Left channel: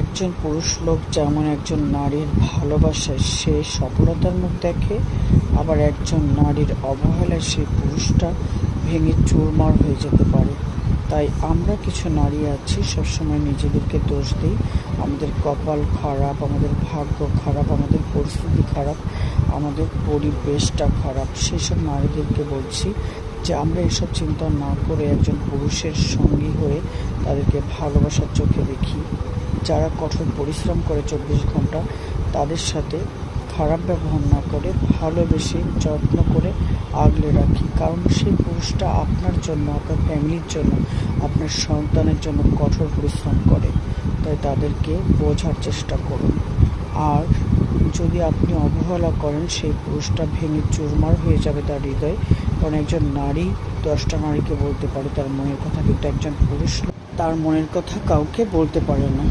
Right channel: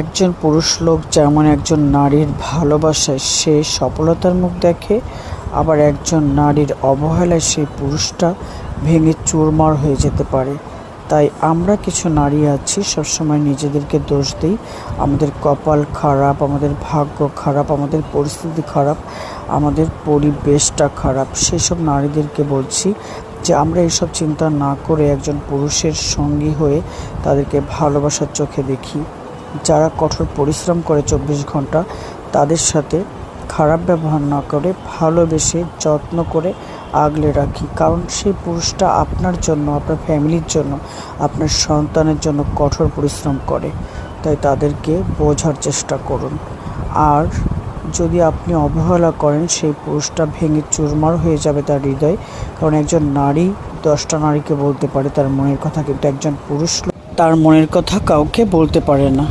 একজন পুরুষ লোক যেমন একজন নারীর ভালোবাসায় সে সফলতার মুখ দেখে, আবার একজন নারীর অবহেলায় সেই পুরুষটা ভেঙে চুরমার হয়ে যেতে পারে। তাই আমরা কিছু নারী আছি সবসময় নিজেদেরকে দোষ দিই, আমাদের কপাল খারাপ, আমাদের ভাগ্য খারাপ, আমাদের পরিস্থিতি খারাপ, আমাদের পরিবেশটা খারাপ। সেই সব নারীদেরকে বলছি যে আমরা এইসব চিন্তা না করে একজন পুরুষের সঙ্গী হয়ে তাদেরকে ভালোবাসার চোখে দেখি। যারা কঠোর পরিশ্রম করে 24 ঘন্টা, তাদের সাথে খারাপ ব্যবহার না করে ভালোবেসে যত্ন করে আগলে রাখি। কারণ সেই পুরুষটা আপনার জন্য, আপনার ফ্যামিলির জন্য, আপনার সন্তানের জন্য কঠোর পরিশ্রম করে। তাই তাদেরকে বোঝার চেষ্টা করুন। আর যদি আপনি অবহেলা করেন, সেই পুরুষটা ভেঙে চুরমার হয়ে যাবে তার হৃদয়। কারণ একজন নারী 10টা নারীকে বলতে পারে তার মনের কথা, কিন্তু একজন পুরুষ তার মনের কথা কাউকে বলতে পারে না।